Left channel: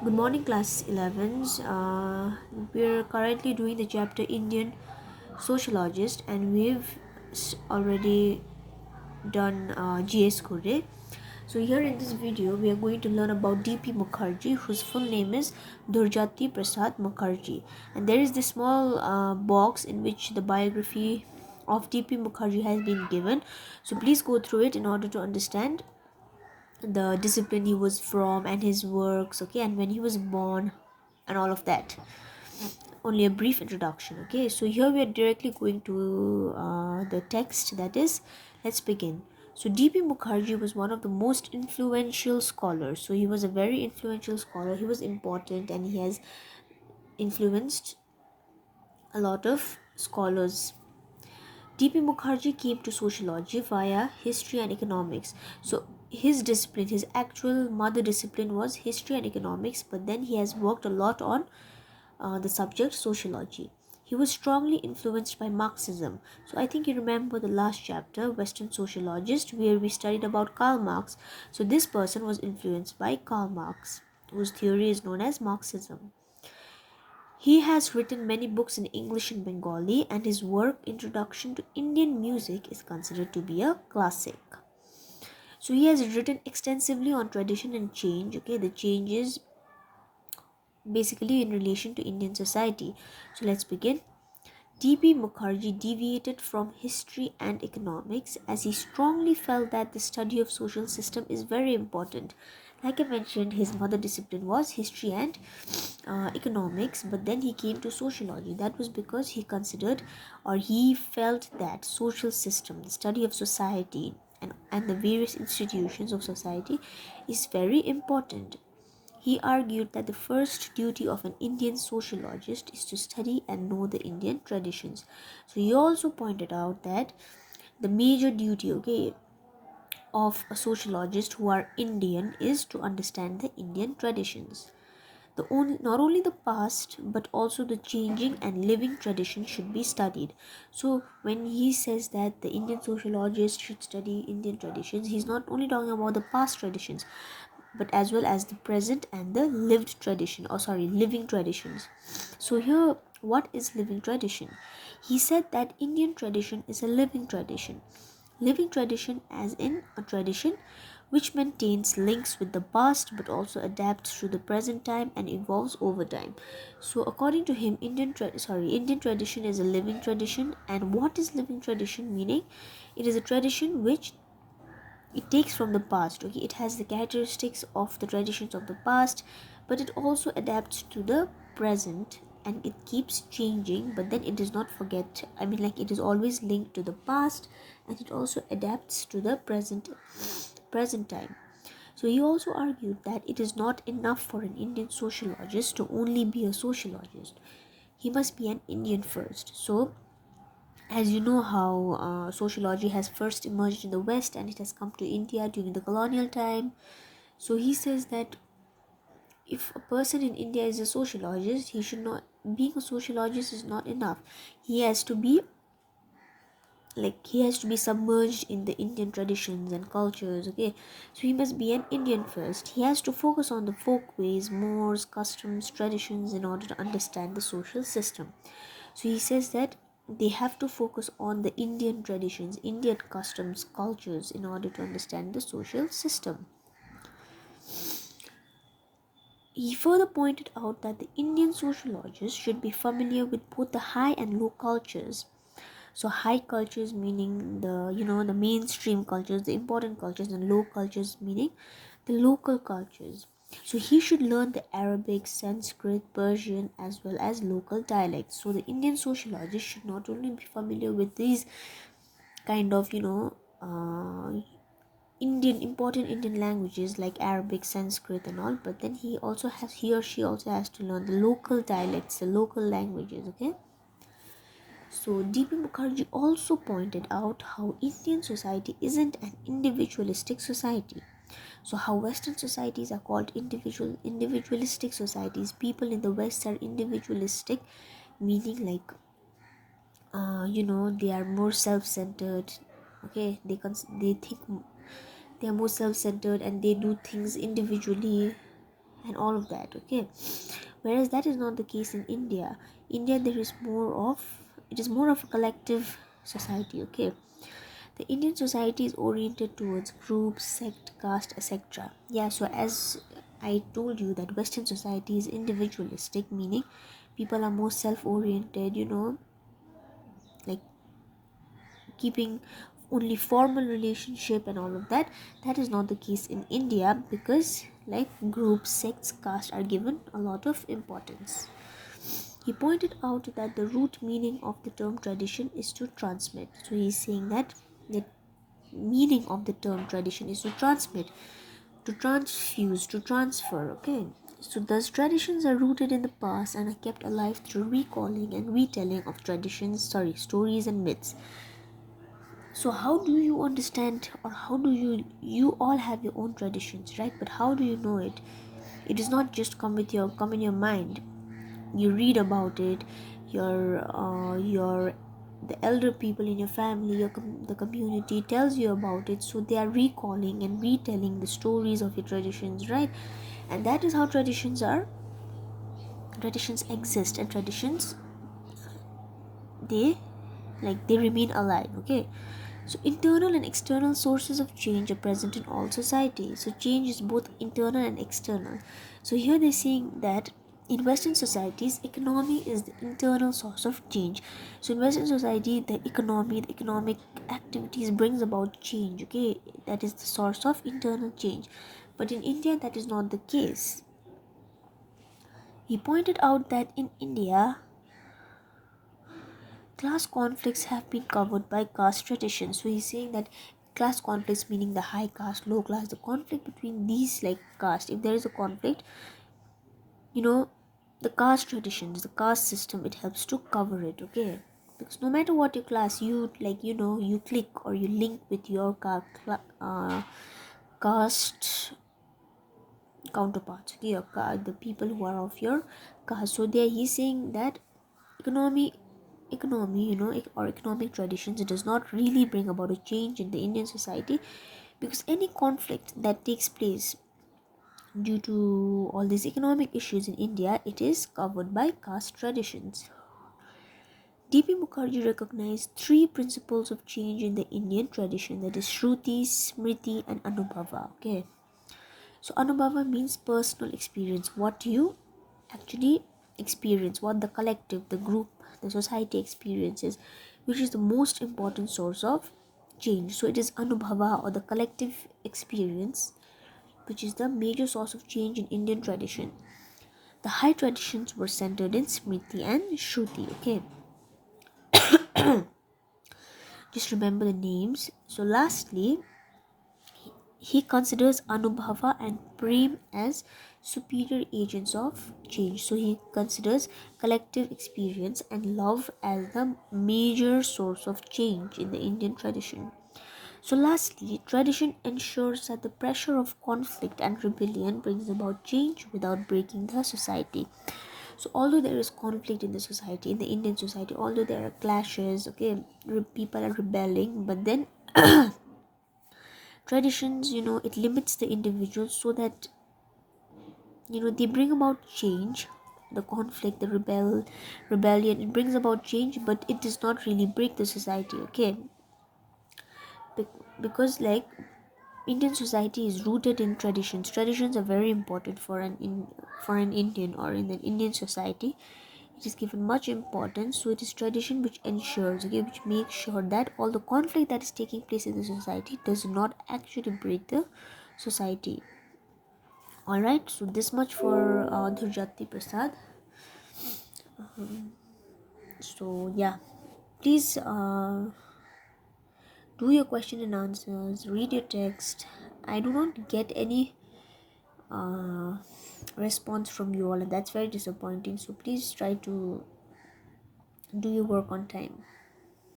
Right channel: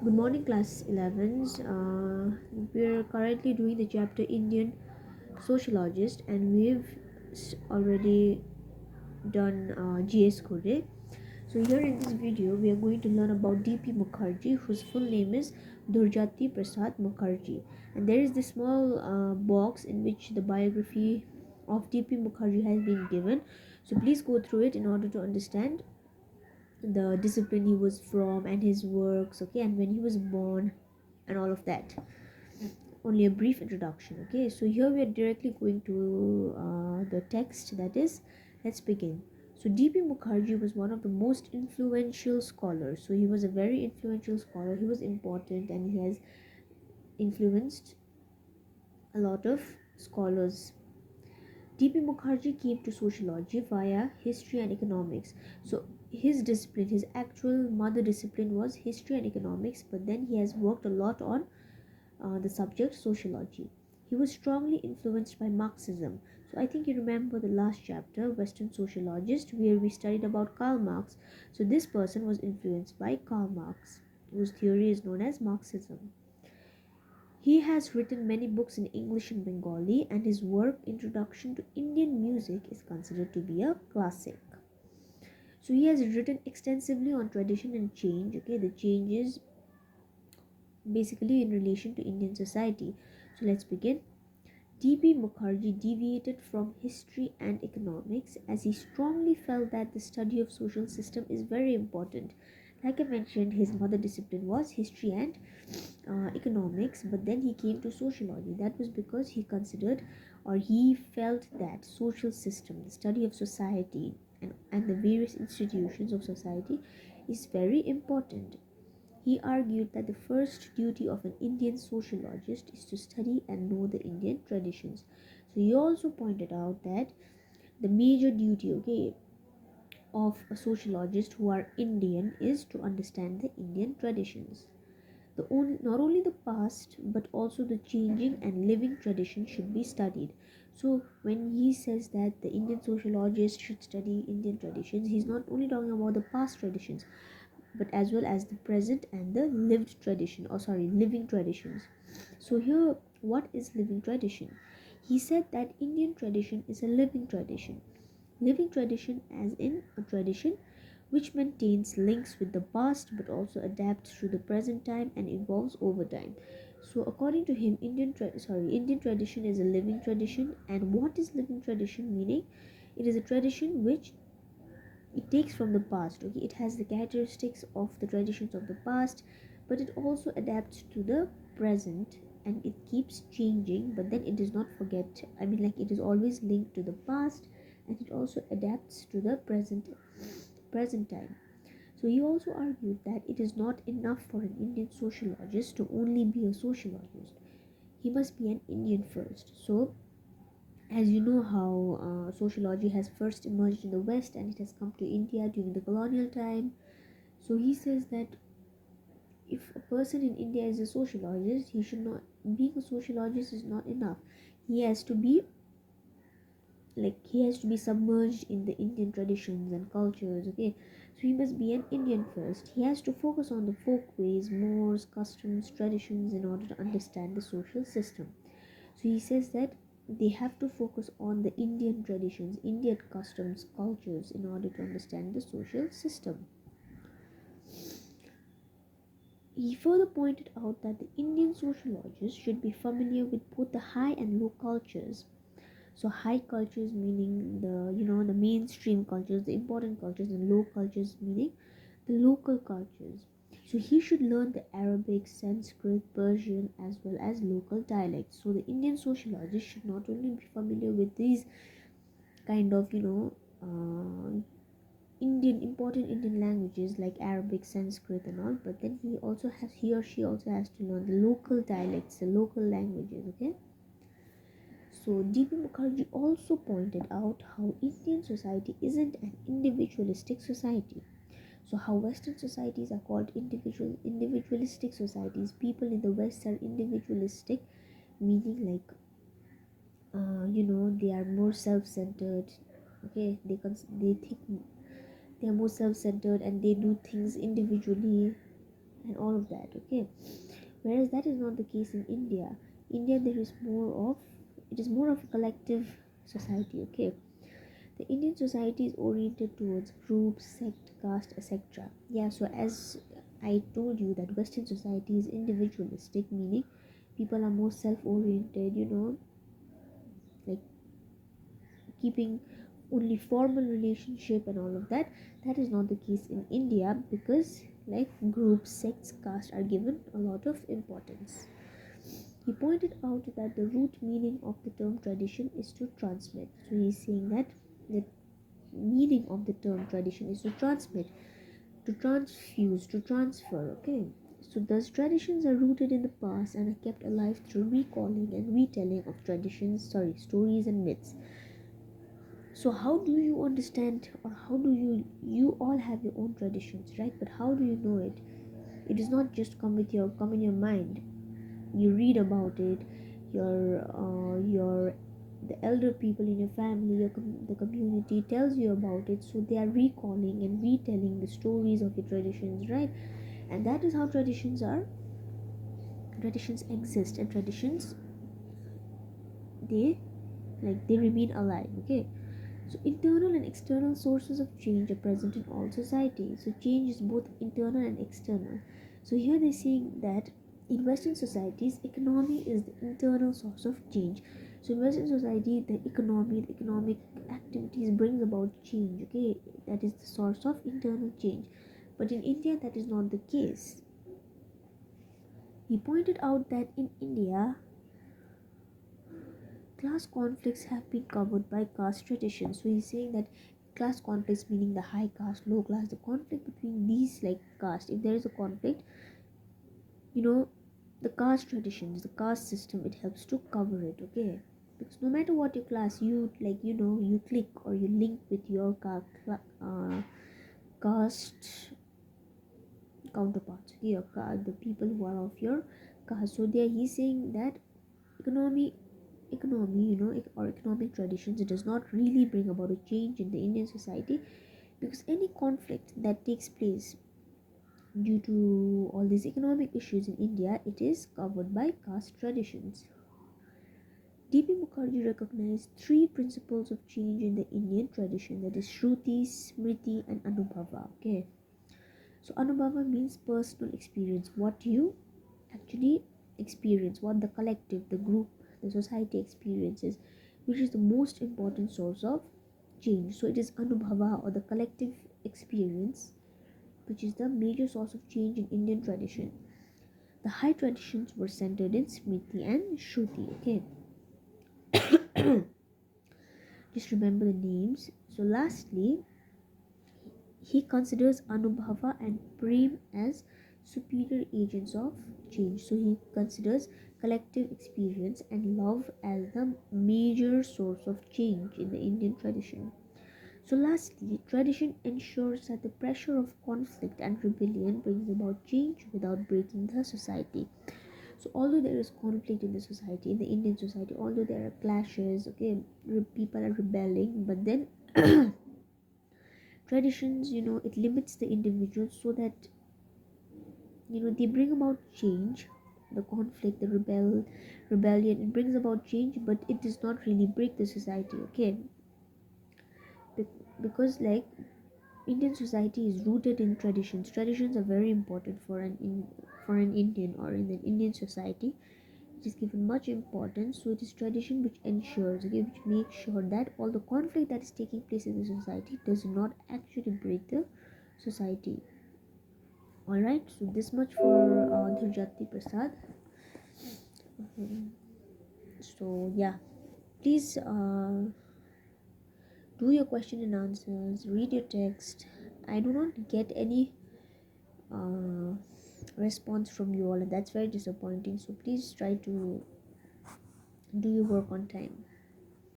Good morning, class 11s. We're currently doing the chapter Indian Sociologist, and we've already done GS Code. So, here in this video, we are going to learn about D.P. Mukherjee, whose full name is Durjati Prasad Mukherjee. And there is this small box in which the biography of D.P. Mukherjee has been given. So, please go through it in order to understand the discipline he was from and his works, okay, and when he was born and all of that. Only a brief introduction, okay. So here we are directly going to the text, that is, let's begin. So D.P. Mukherjee was one of the most influential scholars. So he was a very influential scholar. He was important and he has influenced a lot of scholars. D.P. Mukherjee came to sociology via history and economics. So his discipline, his actual mother discipline was history and economics, but then he has worked a lot on the subject sociology. He was strongly influenced by Marxism. So I think you remember the last chapter, Western Sociologist, where we studied about Karl Marx. So this person was influenced by Karl Marx, whose theory is known as Marxism. He has written many books in English and Bengali, and his work, Introduction to Indian Music, is considered to be a classic. So he has written extensively on tradition and change. Okay, the changes basically in relation to Indian society. So let's begin. D.P. Mukherjee deviated from history and economics as he strongly felt that the study of social system is very important. Like I mentioned, his mother discipline was history and economics, but then he came to sociology. That was because he considered, or he felt, that social system, the study of society and the various institutions of society is very important. He argued that the first duty of an Indian sociologist is to study and know the Indian traditions. So he also pointed out that the major duty, okay, of a sociologist who are Indian is to understand the Indian traditions. Not only the past but also the changing and living tradition should be studied. So when he says that the Indian sociologist should study Indian traditions, he's not only talking about the past traditions but as well as the present and the living traditions. So here, what is living tradition? He said that Indian tradition is a living tradition as in a tradition which maintains links with the past but also adapts to the present time and evolves over time. So according to him, Indian tradition is a living tradition. And what is living tradition? Meaning, it is a tradition which it takes from the past, okay, it has the characteristics of the traditions of the past, but it also adapts to the present, and it keeps changing, but then it does not forget, like, it is always linked to the past, and it also adapts to the present time. So he also argued that it is not enough for an Indian sociologist to only be a sociologist. He must be an Indian first. So as you know how sociology has first emerged in the West and it has come to India during the colonial time. So he says that if a person in India is a sociologist, he should not, being a sociologist is not enough. He has to be he has to be submerged in the Indian traditions and cultures, okay. So he must be an Indian first. He has to focus on the folkways, mores, customs, traditions in order to understand the social system. So he says that they have to focus on the Indian traditions, Indian customs, cultures in order to understand the social system. He further pointed out that the Indian sociologist should be familiar with both the high and low cultures. So high cultures meaning the mainstream cultures, the important cultures, and low cultures meaning the local cultures. So he should learn the Arabic, Sanskrit, Persian, as well as local dialects. So the Indian sociologist should not only be familiar with these kind of important Indian languages like Arabic, Sanskrit, and all, but then he or she also has to learn the local dialects, the local languages, okay. So D.P. Mukherjee also pointed out how Indian society isn't an individualistic society. So how Western societies are called individualistic societies. People in the West are individualistic, meaning they are more self-centered. Okay, they think they are more self-centered and they do things individually, and all of that. Okay, whereas that is not the case in India. There is more of, it is more of a collective society. Okay, the Indian society is oriented towards groups, sect, caste, etc. Yeah, so as I told you that Western society is individualistic, meaning people are more self-oriented, like keeping only formal relationship and all of that. That is not the case in India, because like groups, sects, caste are given a lot of importance. He pointed out that the root meaning of the term tradition is to transmit. So he's saying that the meaning of the term tradition is to transmit, to transfuse, to transfer. Okay, so thus traditions are rooted in the past and are kept alive through recalling and retelling of stories and myths. So how do you understand, or how do you all have your own traditions, right? But how do you know it? It does not just come in your mind. You read about it. Your the elder people in your family, the community tells you about it, so they are recalling and retelling the stories of your traditions, right? And that is how traditions exist, and traditions, they they remain alive. Okay, so internal and external sources of change are present in all societies. So change is both internal and external. So here they're saying that in Western societies, economy is the internal source of change. So in Western society, the economic activities brings about change. Okay, that is the source of internal change. But in India, that is not the case. He pointed out that in India, class conflicts have been covered by caste traditions. So he's saying that class conflicts, meaning the high caste, low class, the conflict between these like caste, if there is a conflict, you know, the caste traditions, the caste system, it helps to cover it. Okay, because no matter what your class, you you click or you link with your caste counterparts. Okay, the people who are of your caste. So there he's saying that economy or economic traditions, it does not really bring about a change in the Indian society, because any conflict that takes place due to all these economic issues in India, it is covered by caste traditions. D.P. Mukherjee recognized three principles of change in the Indian tradition, that is Shruti, Smriti and Anubhava. Okay, so Anubhava means personal experience, what you actually experience, what the collective, the group, the society experiences, which is the most important source of change. So it is Anubhava, or the collective experience, which is the major source of change in Indian tradition. The high traditions were centered in Smriti and Shruti. Okay, just remember the names. So lastly, he considers Anubhava and Prem as superior agents of change. So he considers collective experience and love as the major source of change in the Indian tradition. So lastly, tradition ensures that the pressure of conflict and rebellion brings about change without breaking the society. So although there is conflict in the society, in the Indian society, although there are clashes, okay, people are rebelling, but then traditions, it limits the individual, so that they bring about change. The conflict, the rebellion, it brings about change, but it does not really break the society. Okay, because like Indian society is rooted in traditions. Traditions are very important for an Indian, or in an Indian society. It is given much importance. So it is tradition which ensures, okay, which makes sure that all the conflict that is taking place in the society does not actually break the society. All right. So this much for Dhurjati Prasad. So yeah, please do your question and answers. Read your text. I do not get any uh, response from you all, and that's very disappointing. So please try to do your work on time.